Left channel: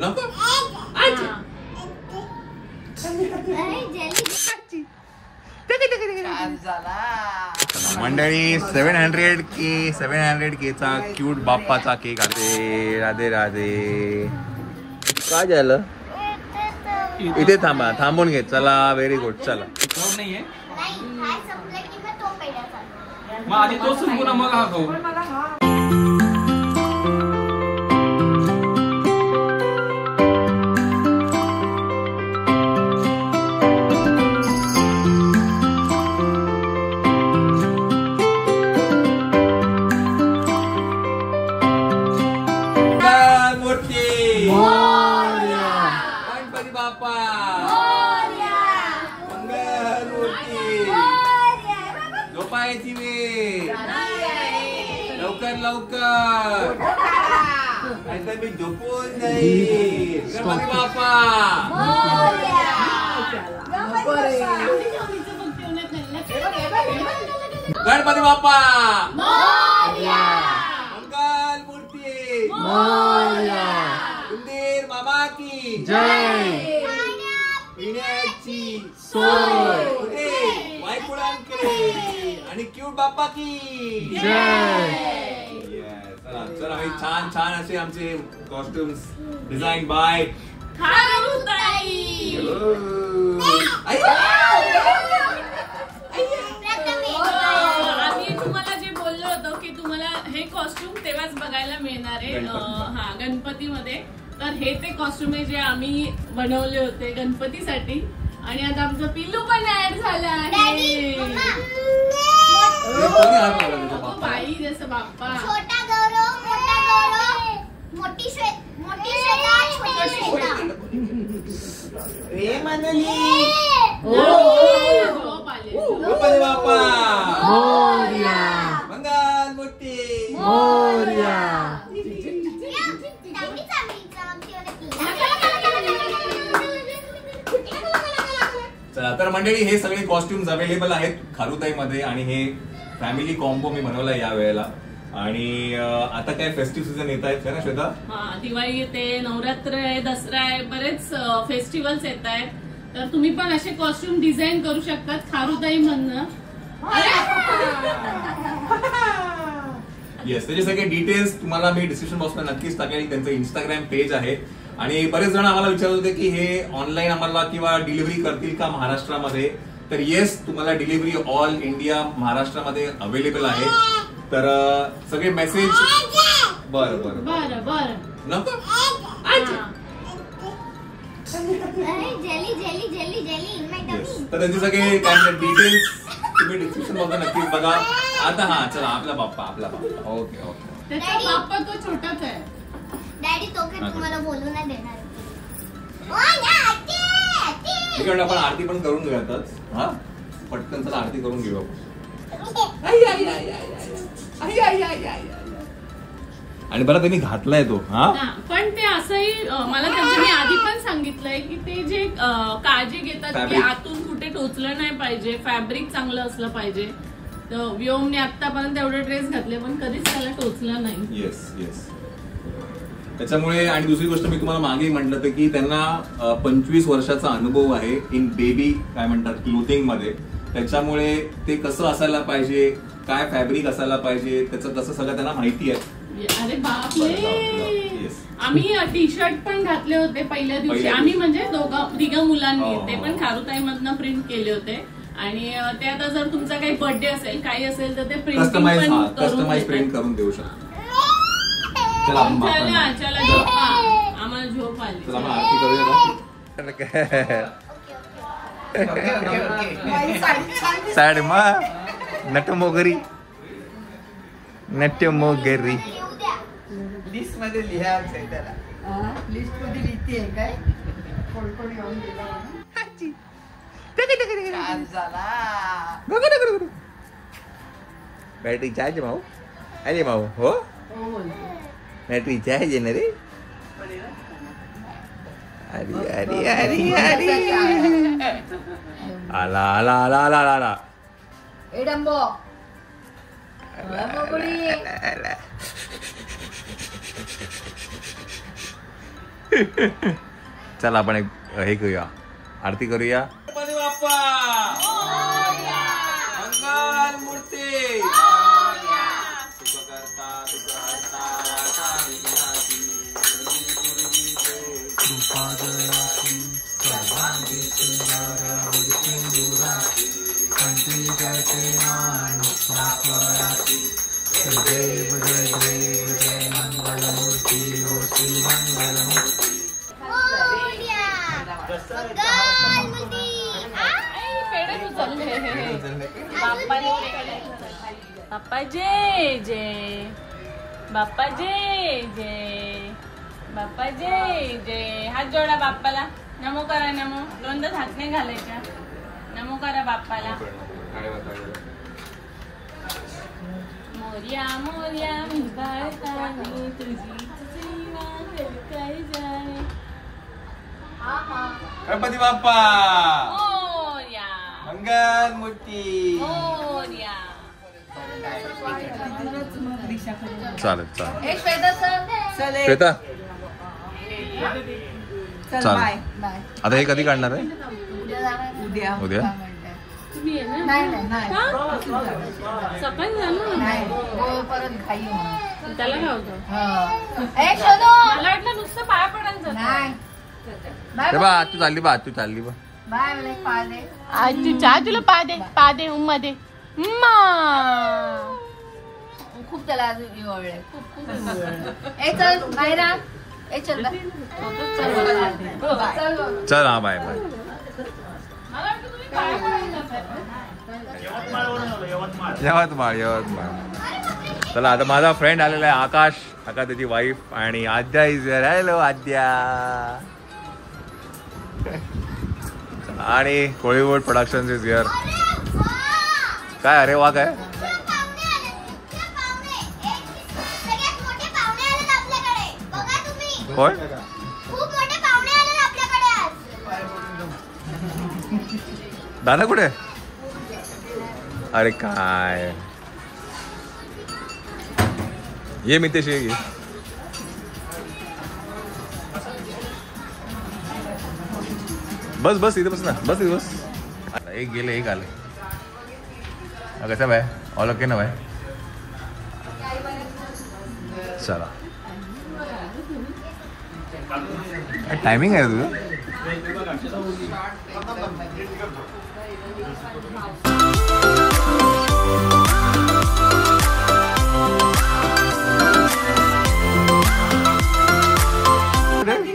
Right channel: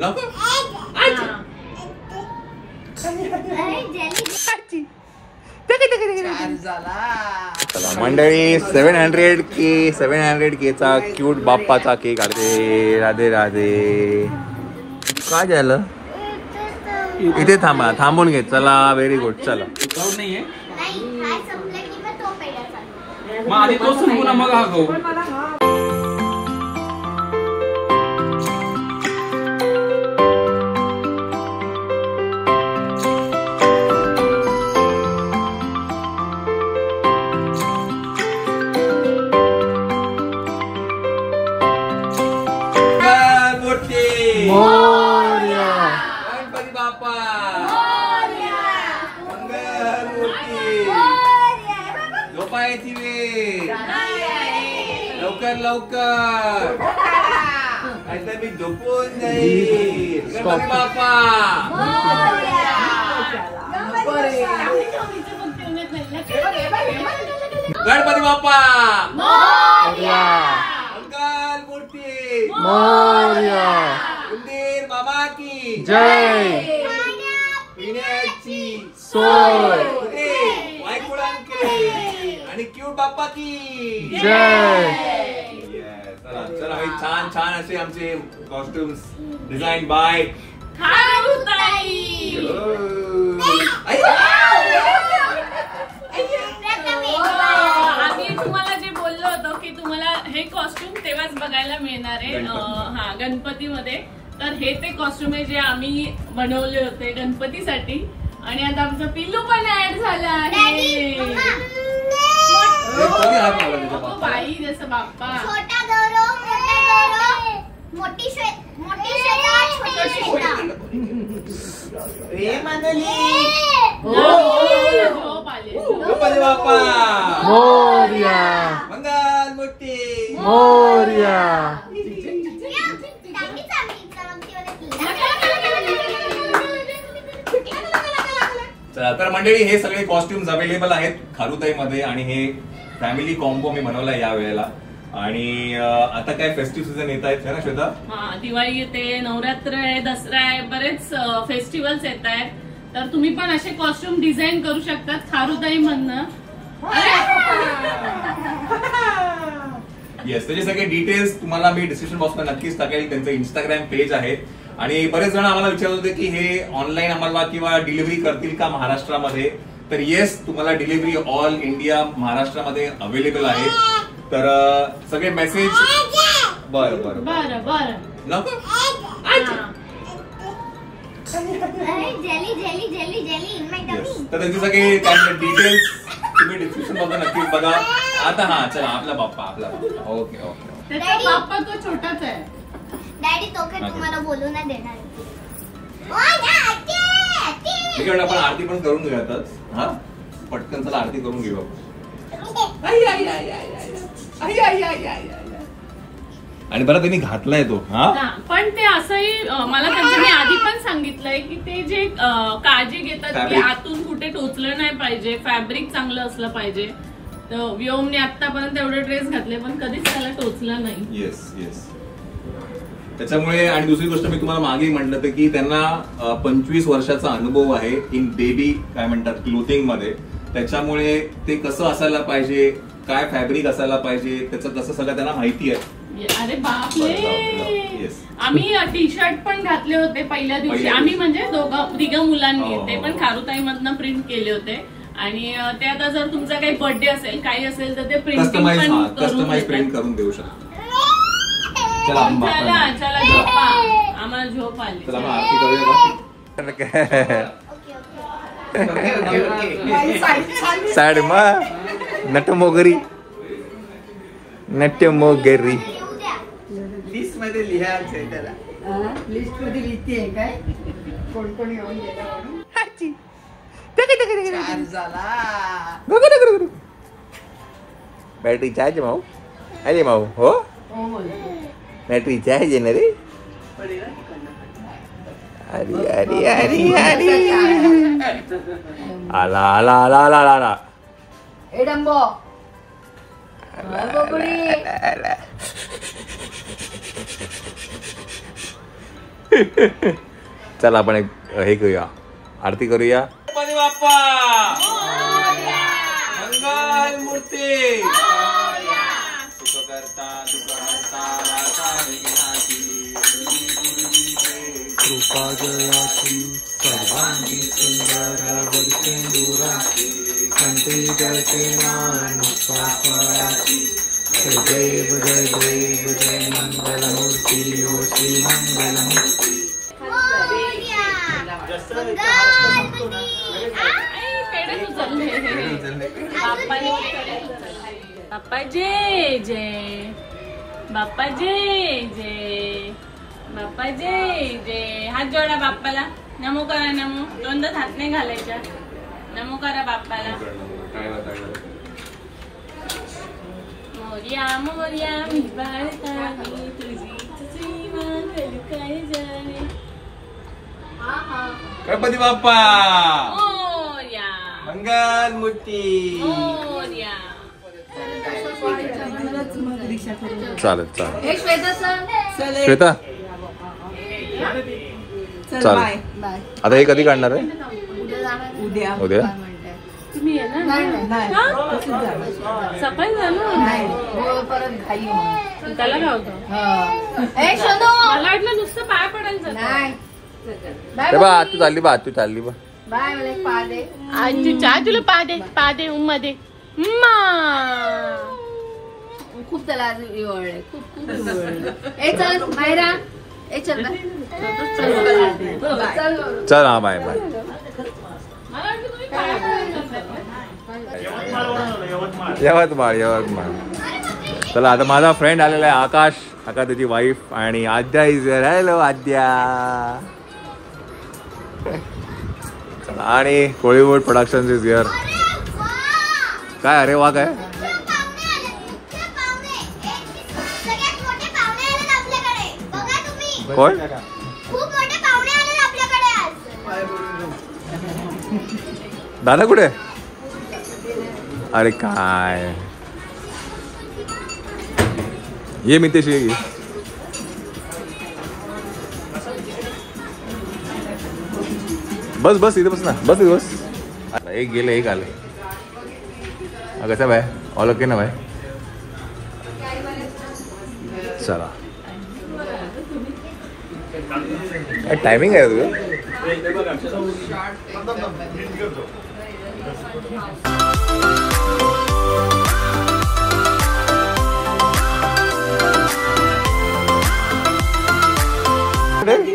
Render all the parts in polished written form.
नको मंडळी 700K चा क्यूट बाप्पाचा केक आले. राधे राधे. काय झालं इथे थांबा थांबून घे. चला व्हेरी गुड. चला नाहीये मग आधी तो संपूर्ण मग हा खाऊ. गणपती बाप्पा झोपायची वेळ. लवकर लवकर आता मी झोपून जाईल. गणपती बाप्पा गणपती बाप्पा मंगल मूर्ती उंदीर मामा की जय. पिण्याची सोय आणि क्यूट बाप्पा की जय. चला छान छान असे आमचे कॉस्ट्युम्स डिझाईन बाय आम्ही तुम्हाला जे बोललो होतो की तुम्हाला हे कॉस्ट्युम तेव्हाच बघायला मिळणार आहे हा गणपतीमध्ये. तर हे ते कॉस्ट्युम आहे जे आम्ही बनवले होते गणपतीसाठी. आणि आता आमचं पिल्लू पण ऍड झालं आहे. बाई जसं बाप्पा छोटा गौरव मोठा गौरव मोठी श्वेता छोटी श्वेता. गणपती बाप्पा मोरया मंगल मूर्ती मोरया. चला तर मंडळी हे सगळे कॉस्ट्युम्स अवेलेबल आहेत खारुताई मध्ये. आणि हे फॅमिली कॉम्बो मी बनवलाय या वेळेला. आणि आता काय फेस्टिव्ह सीझन येत आहेत ना श्वेता. हा दिवाळी येते, नवरात्र आहे, दसरा आहे, बरेच फेस्टिवल्स येत आहेत. तर तुम्ही पण असे कॉस्ट्युम डिझाईन करू शकतात खारुताई मधनं. येस त्याचे सगळे डिटेल्स तुम्हाला मी डिस्क्रिप्शन बॉक्सला नक्कीच टाकेल. त्यांचं इंस्टाग्राम पेज आहे. आणि बरेच जण आम्हाला विचारत होते की हे ऑनलाईन आम्हाला किंवा डिलिव्हरी करतील का महाराष्ट्रामध्ये. तर येस तुम्हाला डिलिव्हरी ऑल इंडिया महाराष्ट्रामध्ये अवेलेबल आहे. तर सगळे मेसेज बरं बरं बरं बरं नको तर त्यांचे सगळे काय डिटेल्स तुम्ही डिस्क्रिप्शन मध्ये नक्कीच बघा. आता हा चला आपला बाप्पा ओके ओके. बाप्पा तो छोटाच आहे. डॅडी तो काय तुम्हाला बोलू नाही देणार. आपण आरती पण करून घेऊयातच. हा पटकन चला आरती करून घेऊ आपण. आणि बरं त्यांनी घातलाय तो. हा पण ते असंही मला त्यांनी आधी पण सांगितलंय की ते जे काळजी घेतात की आतून कुठे टोचलं नाही पाहिजे, फॅब्रिक चांगलं असलं पाहिजे. तर व्योमने आतापर्यंत एवढे ड्रेस घातले पण कधीच त्याला टोचलं नाही. Yes yes. त्याच्यामुळे आणि दुसरी गोष्ट मी तुम्हाला मागे म्हटलं होतं की त्यांना 25 वर्षाचा अनुभव आहे इन बेबी काय म्हणतात क्लोथिंग मध्ये. त्याच्यामुळे ते कसं असायला पाहिजे, काय फॅब्रिक असायला पाहिजे, त्याचं तसं सगळं त्यांना माहिती आहे. अरे बापरे. आम्ही टी शर्ट पण घातले होते पहिल्या दिवशी. आम्ही म्हणजे तिघं मुलांनी ते पण खारुताई मधनं प्रिंट केले होते. आणि ते आता जर तुमचा काही बर्थडे असेल काही असेल तर ते कस्टमाइज प्रिंट करून देऊ शकतो. चला चला झोपा. आम्हाला झोप आली. चला आरती करूया. साड मग नटमोगरी नटमोगरी लिस्ट मध्ये लिहायचंय त्याला. लिस्ट मध्ये लिहिते काय कोण कोण येऊन बॅटरी चार्ज माऊ. अरे माऊ हो बॅटरी चार्ज आहे ना रे. अरे अरे अरे अरे आला आला आला आला आला. चला आपण एक हे करूया, आरती करूया. गणपती बाप्पा मंगल मूर्ती सुखकर्ता दुःखहर्ता राधा विघ्नाची कृपा जयाची सर्वांगी सुंदर वर्षेंदुराची कंठी दर्शनाय मुक्ताफळाची. जय देव जय देव जय मंगल मूर्ती ओ श्री मंगल मूर्ती. बाप्पा जय जय, बाप्पा जय जय, बाप्पा जय जय. हात जोडा बाप्पाला, नमो करा नमो. दोनदा हात नाही घालायच्या. नमो करा बाप्पाला. मोर्या मोर्या मी बाळका मी तुझी सेवा काय जाणे. गणपती बाप्पा मोर्या मंगल मूर्ती. मोर्या. चालेल चालेल. हे श्वेता चल. श्वेता चल चालेल. Bye bye. आता हे कधी काढणार आहे? उद्या उद्या? तुम्ही येणार नाही नाही नाही हा? तसंच झालं. सफाई झालं नाही हो, परत घाई होणार. त्याला लावतो. हा. ए शोनू मला वाटलं नुसतं पाय पडायला जातं. नाही बाय बा तू चालली बा तू चालली बा. बाय मला पाय दे. तुला पा दे मध्ये. खूप त्याला आवडले खूप खूप आवडले. ए चल मायरा. ए चल चल चल हा बाय बाय. मला वाटलं तुम्ही पाय पडायला जाता. यवतमाळ यवतमाळ. चला आता माझा फ्रेंड आलेला आहे आकाश, आकाश त्याची वाईफ आणि आद्या इज हिअर. हॅलो आद्या. चला आणि कोळीवूड प्रोडक्शन इज हिअर. काय अरे वा काय कोण दादा कुठे? अरे काय ये मितेशी ये. बस बस इथे बस ना. बस इथे बस. एक गेले एक आले. कसा भाई ऑल ओके ना भाई. चला काय टायमिंग आहे तुझं?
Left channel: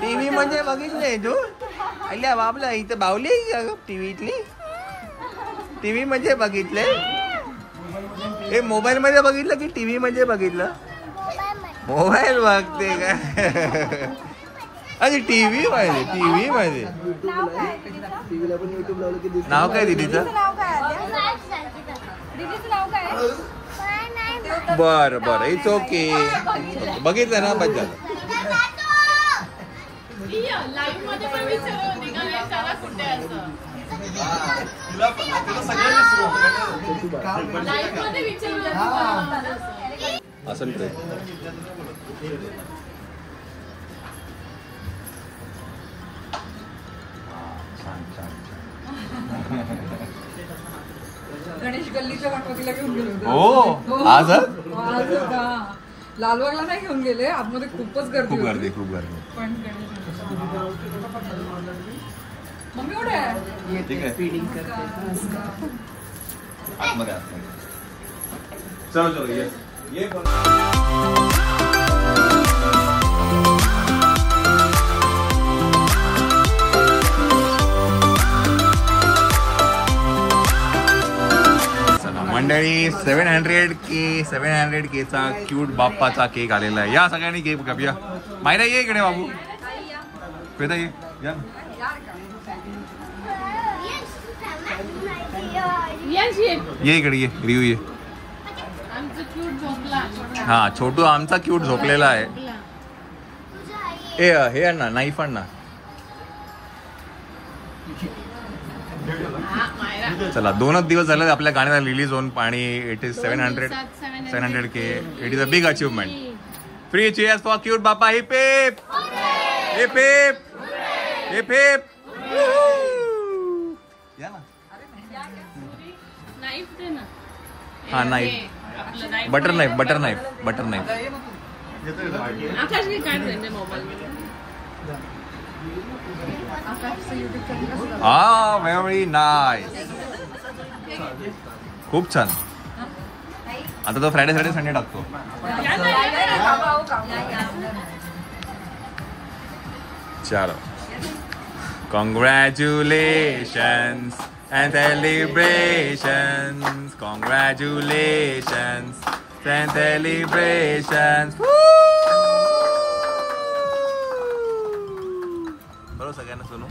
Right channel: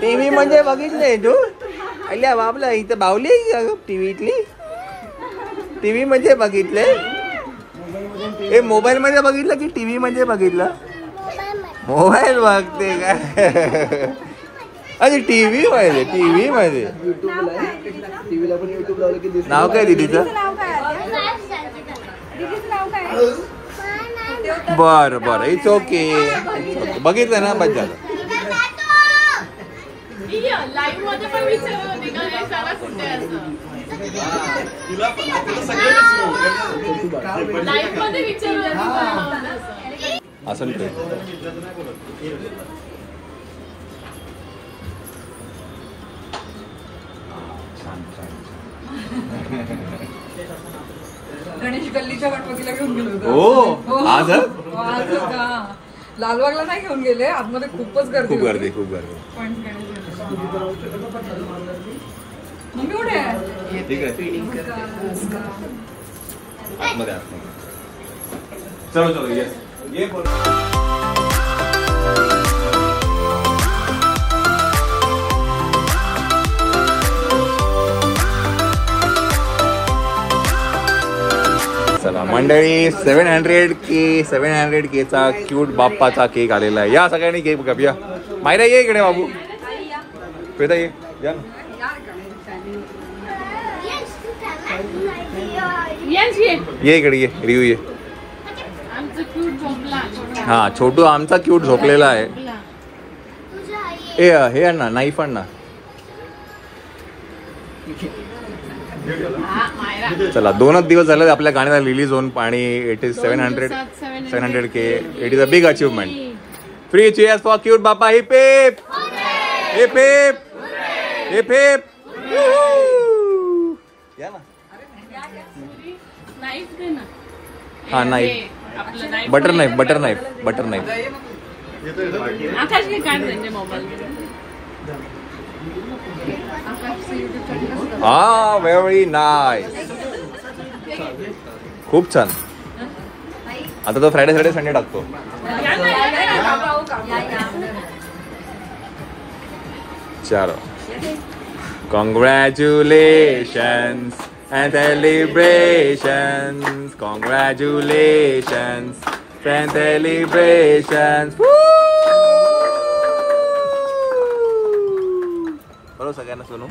टीव्ही म्हणजे बघितलंय तू? अल्या बाबला इथं बावली टीव्ही इथली. टीव्ही म्हणजे बघितले. हे मोबाईल मध्ये बघितलं की टीव्ही म्हणजे बघितलं? मोबाईल बघते काय? अरे टीव्ही मध्ये टीव्ही मध्ये नाव काय दीदीचं? बर बर इट्स ओके. बघितलं ना बस झालं. लाईव्ह मध्ये पण विचारत होती का हे सगळं कुठे असतं. लाईव्ह मध्ये विचारलं असं गणेश गल्लीच्या गणपतीला घेऊन गेलो होतो. हो आज लालबागला नाही घेऊन गेले. आतमध्ये खूपच गर्दी. खूप गर्दी खूप गर्दी. पण मम्मी कुठे आहे? ठीक आहे आतमध्ये आतमध्ये. चलो चलो ये चला मंडळी 700K चा क्यूट बाप्पाचा केक आलेला आहे. या सगळ्यांनी केक कापूया. मायरा ये इकडे बाबू. श्वेता ये या ना. ये इकडे ये रिव्यू ये. हा छोटू आमचा क्यूट झोपलेला आहे. ए हे आण ना नाईफ आण ना. चला 2च दिवस झाले आपल्या गाण्याला रिलीज होऊन आणि it is 700K. It is a big achievement. 3 cheers for cute Bappa. Heap heap heap heap heap heap. या ना. नाईफ दे ना. हा नाईफ. आपलं knife. Butter knife butter knife butter knife. आकाशने काढ त्यांच्या मोबाईल. हा व्हेरी नाईस. खूप छान. आता तो फ्रायडे सॅटर्डे संडे टाकतो. चलो. Congratulations and celebrations. Congratulations and celebrations. बरोबर सगळ्यांना सोनू.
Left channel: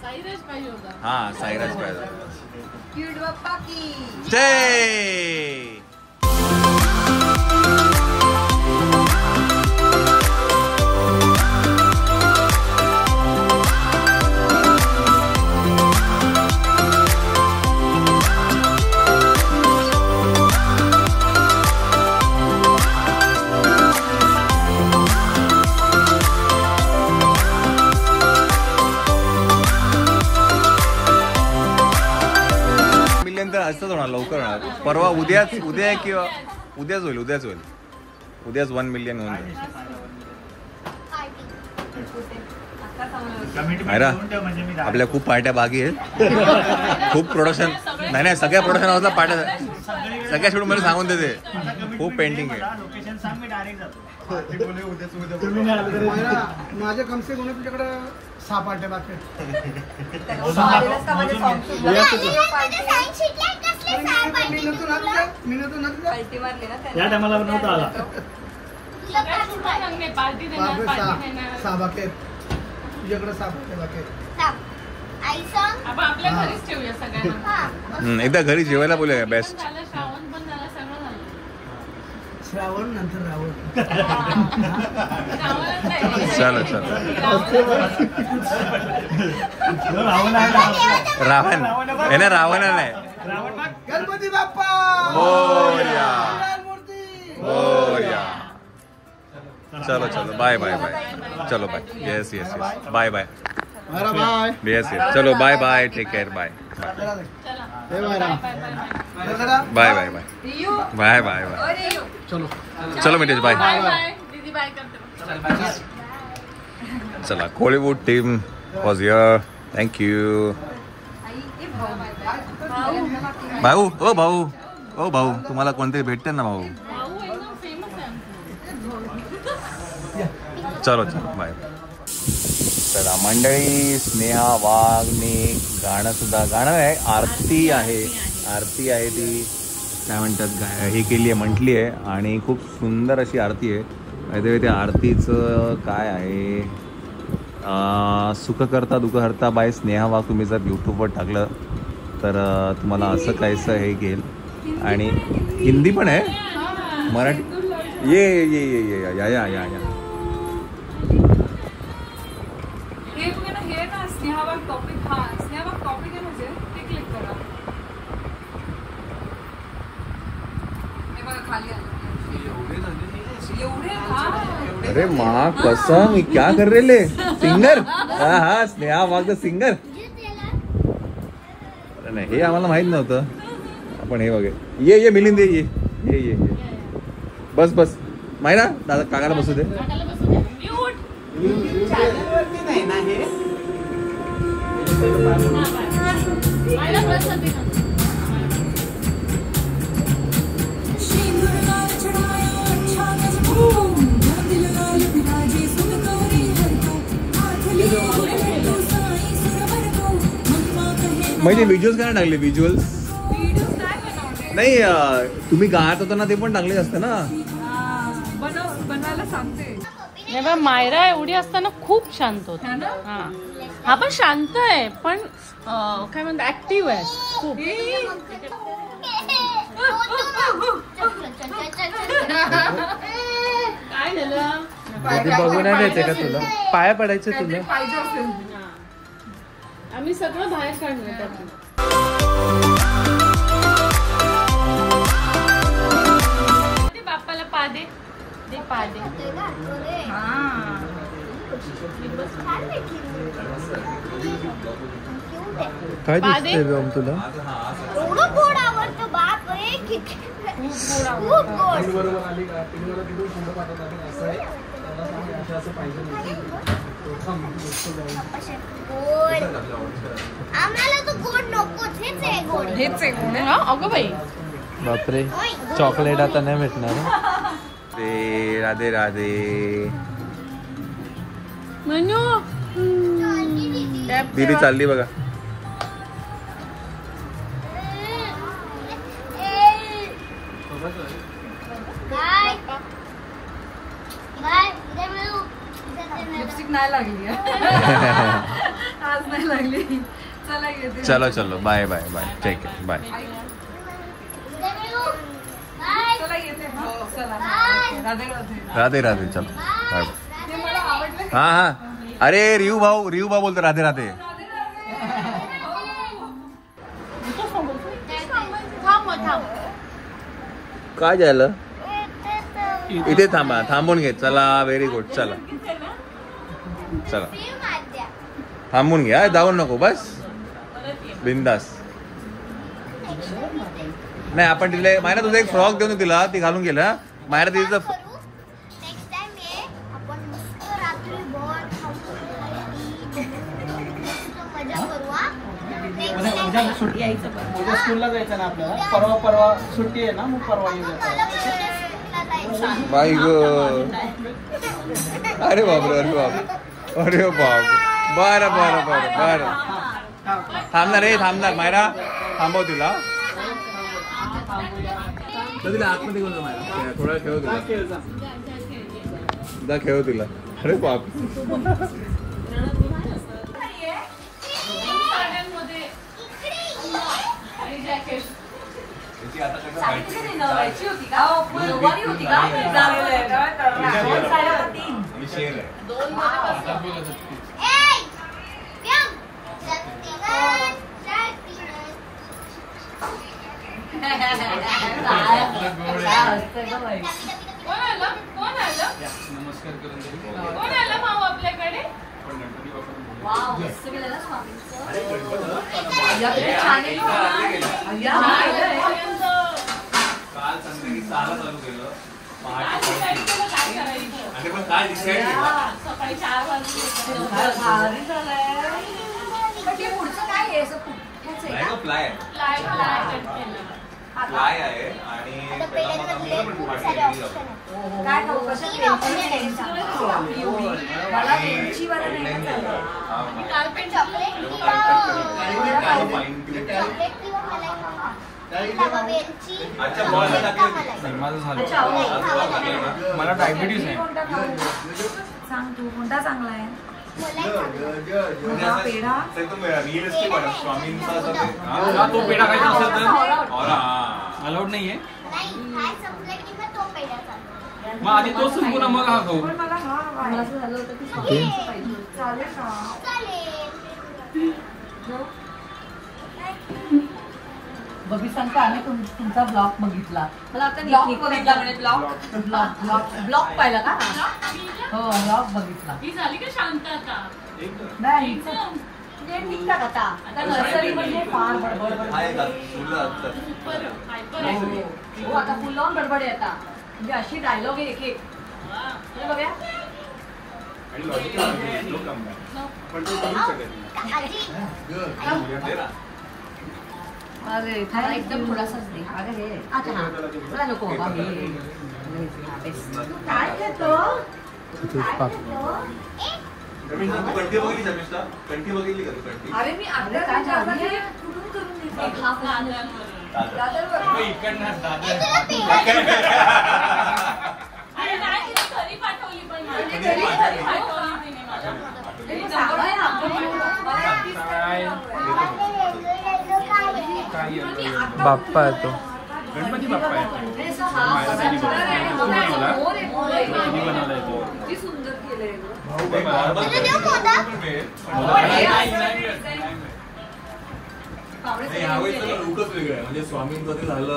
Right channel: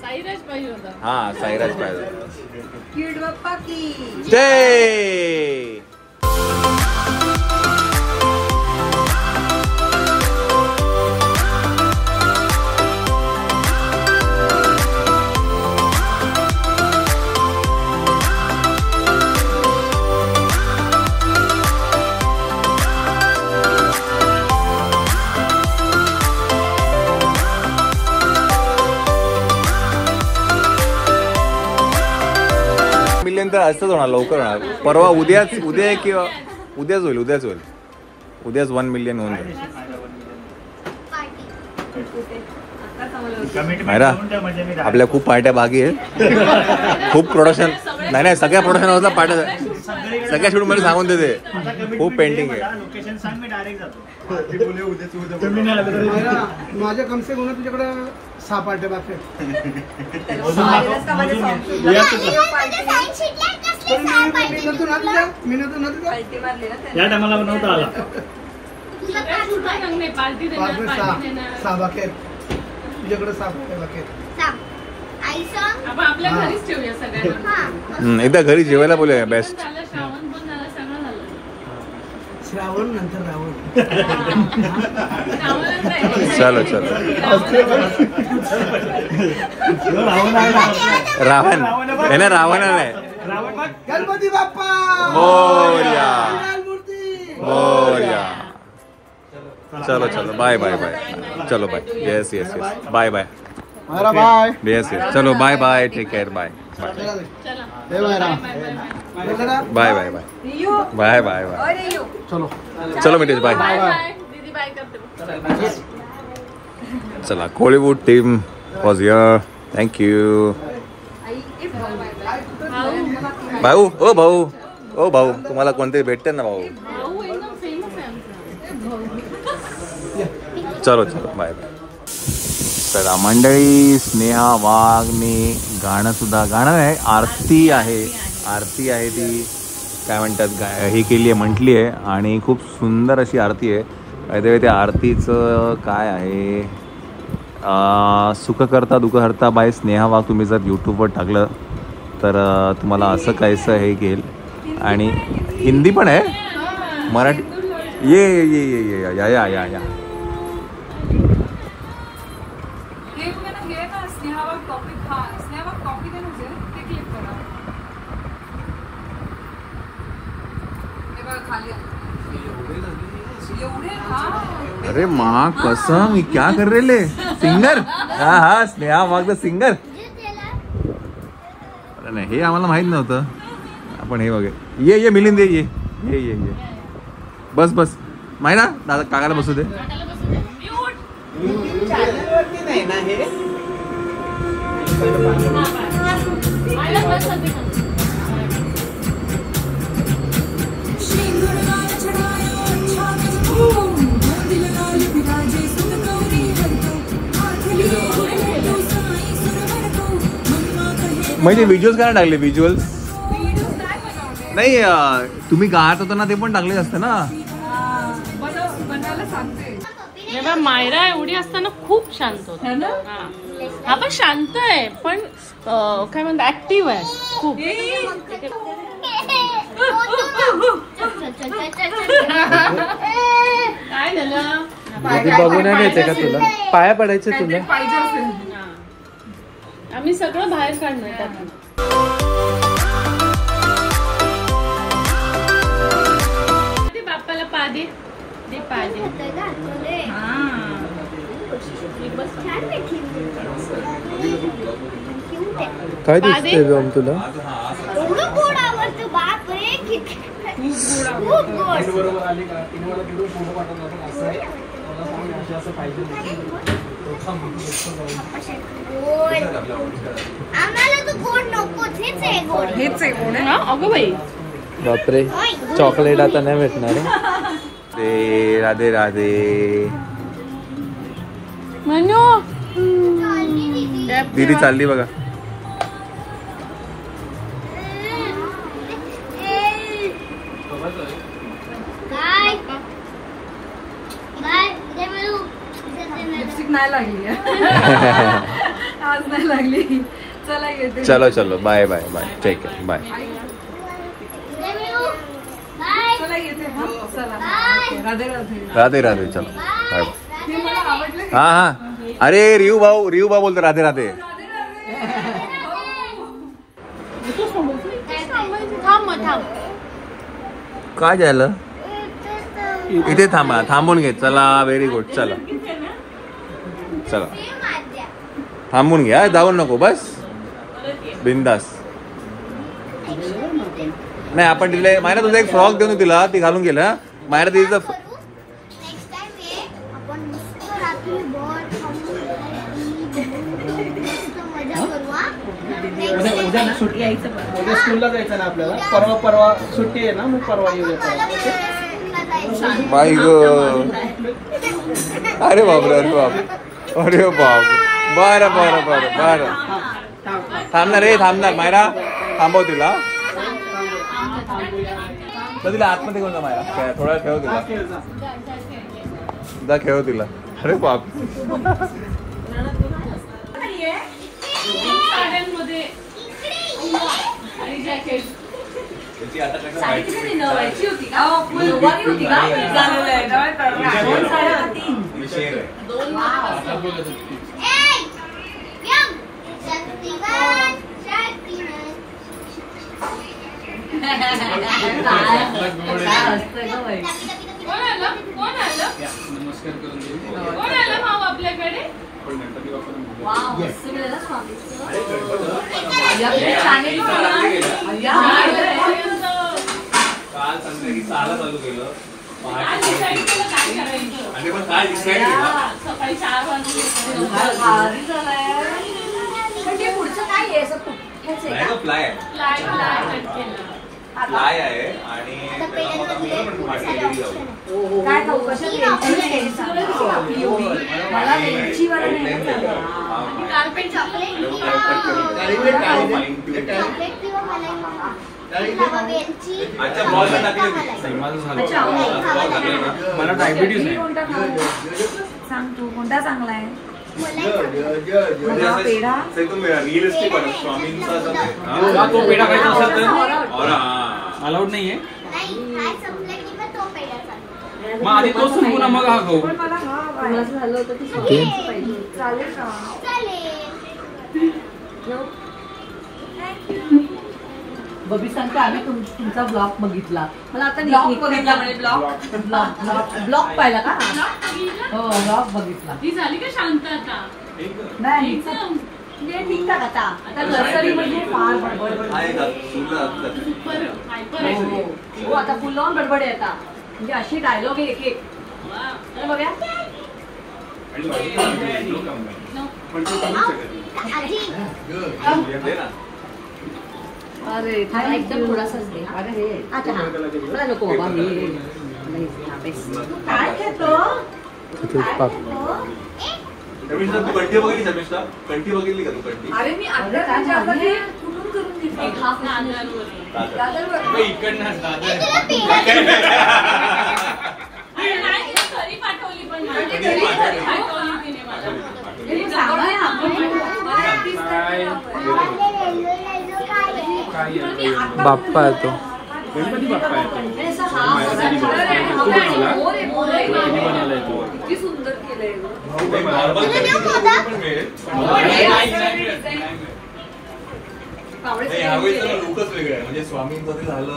साईराज पाहिजे होता. हा साईराज पाहिजे. क्यूट बाप्पा की जय. असंच होणार लवकर होणार. परवा उद्या किंवा उद्याच होईल. उद्याच 1 मिलियन होऊन जाईल. मायरा आपल्या खूप पार्ट्या बाकी आहेत. खूप प्रोडक्शन नाही सगळ्या प्रोडक्शन पार्ट्या सगळ्या शेड्यूल मध्ये सांगून देते. खूप पेंटिंग आहे. माझ्या कमसे कम तुझ्याकडे 6 पार्ट्या बाकी आहेत. या टायमाला नव्हता आला. 6 बाकी आहेत तुझ्याकडे. 6 पार्ट्या बाकी आहेत. आपल्या घरीच ठेवूया सगळ्यांना. एकदा घरी जेवायला बोलूया. बेस्ट. झालं, श्रावण पण झालं, सगळं झालं. श्रावण नंतर रावण. श्रावणच आहे. चलो रावण आहे ना. रावण आहे. गणपती बाप्पा मोरया. मूर्ती. मोरया. चलो बाय चलो bye. Yes bye bye yes चलो bye take care bye bye चलो मितेश बाय. दीदी बाय करते. चला Koliwood team was here. Thank you. भाऊ ओ भाऊ तुम्हाला कोणतरी भेटते ना भाऊ. भाऊ एकदम फेमस आहे आमचा. चलो बाय. चला मंडळी स्नेहा वाघने गाणं आहे. आरती आहे ती काय म्हणतात हे केली आहे म्हटली आहे आणि खूप सुंदर अशी आरती आहे. त्या आरतीचं काय आहे सुख करता दुःख हरता बाय स्नेहा वाघ. तुम्ही जर यूट्यूबवर टाकलं तर तुम्हाला असं काहीसं हे घेईल. आणि हिंदी पण आहे मराठी. ये या अरे माँ कसम क्या कर रहे सिंगर. हा स्नेहा वाघ सिंगर. नाही हे आम्हाला माहित नव्हतं. आपण हे बघे ये मिलिंद ये बस माहिती ना दादा काकाला बसू दे. म्हणजे व्हिज्युअल्स काय टाकले. व्हिज्युअल्स नाही तुम्ही गात होता ना ते पण टाकले असते ना. मायरा एवढी असताना खूप शांत होता. हा पण शांत आहे पण काय म्हणतात ऍक्टिव्ह आहे खूप. काय झालं बघून यायचंय का तुला. पाया पडायचं तुला. आम्ही सगळं बाहेर काढणार. बाप्पाला पा दे. छान आहे थीम. क्यूट आहे. काय दिसतंय व्योम तुला? एवढं गोड आवडतं बाप रे. खूप गोड. आम्हाला तो गोड नकोच. हेच आहे गोड. हेच आहे ना अगं बाई. बापरे चॉकलेट आता नाही भेटणार. राधे राधे. मनू दीदी चालली बघा. लिपस्टिक नाही लागली आज नाही लागली. चला येते. चलो चलो बाय बाय बाय. ठीक आहे बाय. चला येते. चला राधे राधे. राधे राधे. चलो बाय. हे मला आवडलं. हा हा. अरे रियू भाऊ बोलतो राधे राधे. थांब. काय झालं? इथे थांबा. थांबून घे. चला व्हेरी गुड. चला चला थांबून घ्या. जाऊन नको बस बिंदास. नाही आपण तिला मायरा तुझा एक फ्रॉक देऊन तिला. ती घालून गेला. मायरा तिचा उद्या स्कूलला जायचं ना आपल्याला. परवा सुट्टी आहे ना. मग परवा येऊ देतो. बाई ग. अरे बापरे. अरे बाप. अरे बाप. बरं बरं बरं बरं. थांबणार रे. थांबणार मायरा. थांबव तिला. तिला आतमध्ये घेऊन जा मायरा. थोडा खेळ तिला. खेळ तिला. अरे बाप. आपल्याकडे फ्लाय आहे आणि काय खाऊ कसं मला मला डायबिटीज आहे. सांग तू कोणता चांगला आहे? रिअलिस्टिक स्वामींचा तो पेढा खायचा असेल तर अलाउड नाहीये. मग आधी तो संपूर्ण मग हा खाऊ. चालेल का? बबी सांगते आम्ही तुमचा ब्लॉग बघितला. मला आता ब्लॉग पाहिला का? हो ब्लॉग बघितला. ही झाली का शांत आता? नाही ठीक का आता नर्सरी मध्ये फार हो आता फुल ऑन बडबड आहे आता. म्हणजे अशी डायलॉग आहे एक एक बघा. अरे एकदम थोडासाच दे. अच्छा हा मला नको बाबा. मी काय घेतो कंठी बघितली शमिष्ठा? कंठी बघितली का तू? कंठी अरे मी अर्ध्या तासामध्ये कुठून करून घेतली. पाठवली पण बाप्पा येतो. गणपती बाप्पा येतो. सुंदर केलंय. लुकच वेगळं आहे. म्हणजे स्वामींचं ते झालं.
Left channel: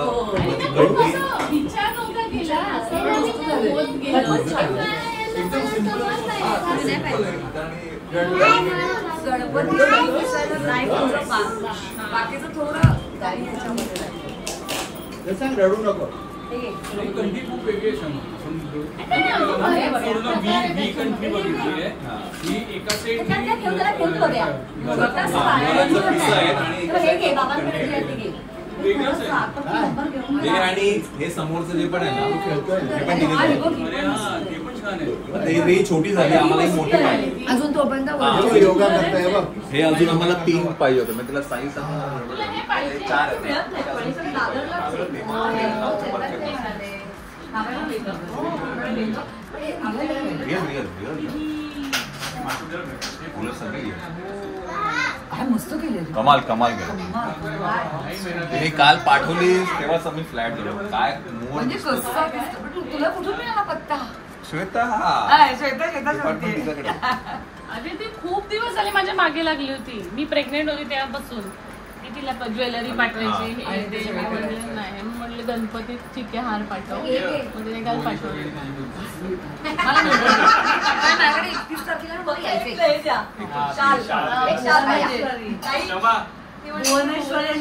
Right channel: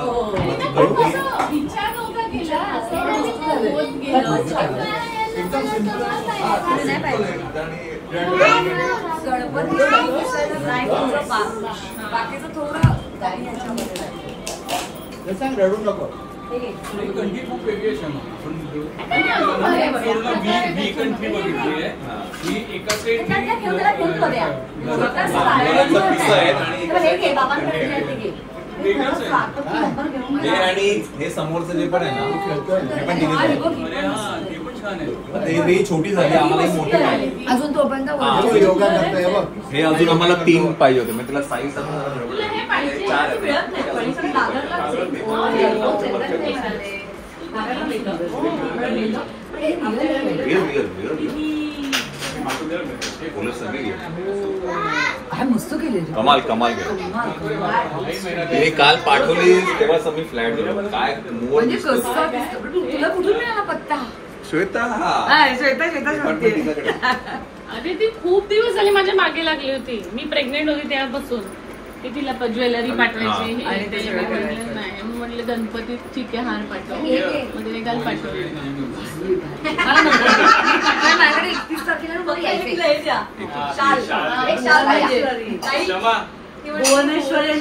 एकदम सिंपल नाही पाहिजे. गणपती नाही थोडं बाकीचं थोडं काही ह्याच्यामध्ये नाही. सांग रडू नको. कंट्री खूप वेगळी आहे क्षमा. आपण पूर्ण वी कंट्री बघितली आहे. ही एका साईड आणि हे समोरचं जे पण आहे ना हे पण ते पण छान आहे. ही छोटी झाली आम्हाला ही मोठी पाहिजे. अजून तोपर्यंत योगा करताय बघ. हे अजून आम्हाला 3 पाहिजे होते मग त्याला साईज 4 मस्त केले कमाल कमाल केलं. हे काल पाठवली तेव्हाच आम्ही फ्लॅट झालो. काय म्हणजे तुला कुठून मिळाला पत्ता? श्वेता श्वेता पण तिच्याकडे. अरे ती खूप दिवस झाले माझ्या मागे लागली होती. मी प्रेग्नेंट होती तेव्हापासून ते तिला ज्वेलरी पाठवायची हे आणि ते मी म्हटलं नाही. मी म्हटलं गणपती ठीक आहे हार पाठव. मग तिने काल पाठवले. माझ्याकडे 31 तारखेला मला यायचंय. भुवनेश्वरी